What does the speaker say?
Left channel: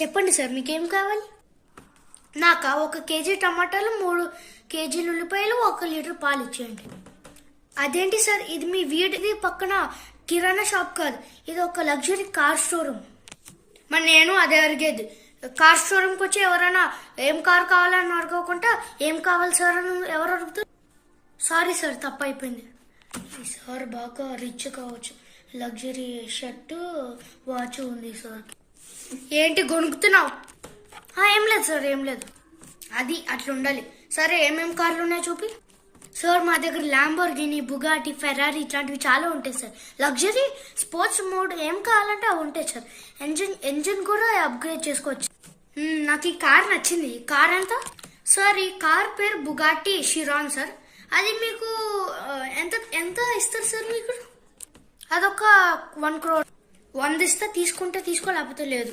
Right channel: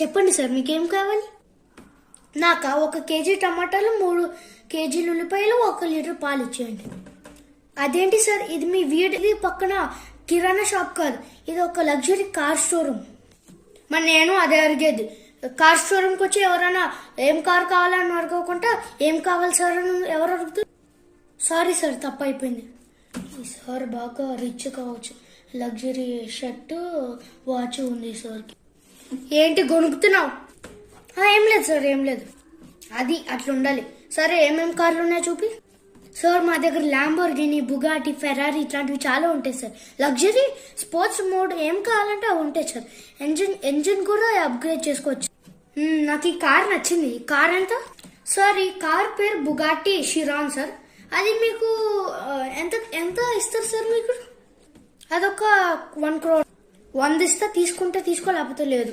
చెప్పండి సార్, మీకేం కావాలి? నాకా 1 కేజీ టమాటాలు, 3 కేజీలు ఉల్లిపాయలు, 1 లీటర్ పాలు ఇచ్చేయండి. అదేంటి సార్, ఇది మీ వీడి పక్కన కిరాణా షాప్ కాదు, ఇది ఒక లగ్జరీ కార్ షోరూమ్. మరి నేను అదే అడిగేది, కార్ షోరూమ్కి వచ్చి ఎవరైనా ఏం కార్ కావాలని అడగకుండా ఏం కావాలి సార్ అని ఎవరు అడుగుతారు? సారీ సార్, తప్పు అయిపోయింది. ఈ సార్ బాగా రిచ్ కావచ్చు, లగ్జరీ షర్టు వాచ్ ఉంది సార్. ఏంటి గొనుకుతున్నావు? ఏం లేదు సార్, ఏం లేదు. అది అట్లా ఉండాలి. సరే, ఏమేం కార్లు ఉన్నాయో చూపి. సార్ మా దగ్గర ల్యాంబోర్గిని, బుగాటి, ఫెరారీ ఇట్లాంటివి చాలా ఉంటాయి సార్. లగ్జరీ, స్పోర్ట్స్ మోడ్ ఏం కావాలంటే అవి ఉంటాయి సార్. ఎంజిన్ కూడా అప్గ్రేడ్ చేసుకోవచ్చు. నాకు ఈ కార్ నచ్చింది. కార్ ఎంత సార్? ఈ కార్ పేరు బుగాటి షిరాన్ సార్. అది మీకు ఎంత ఎంత ఇస్తారు సార్? మీకు అదొక 1 crore. 100 ఇస్తా, తీసుకుంటే తీసుకో, లేకపోతే లేదు.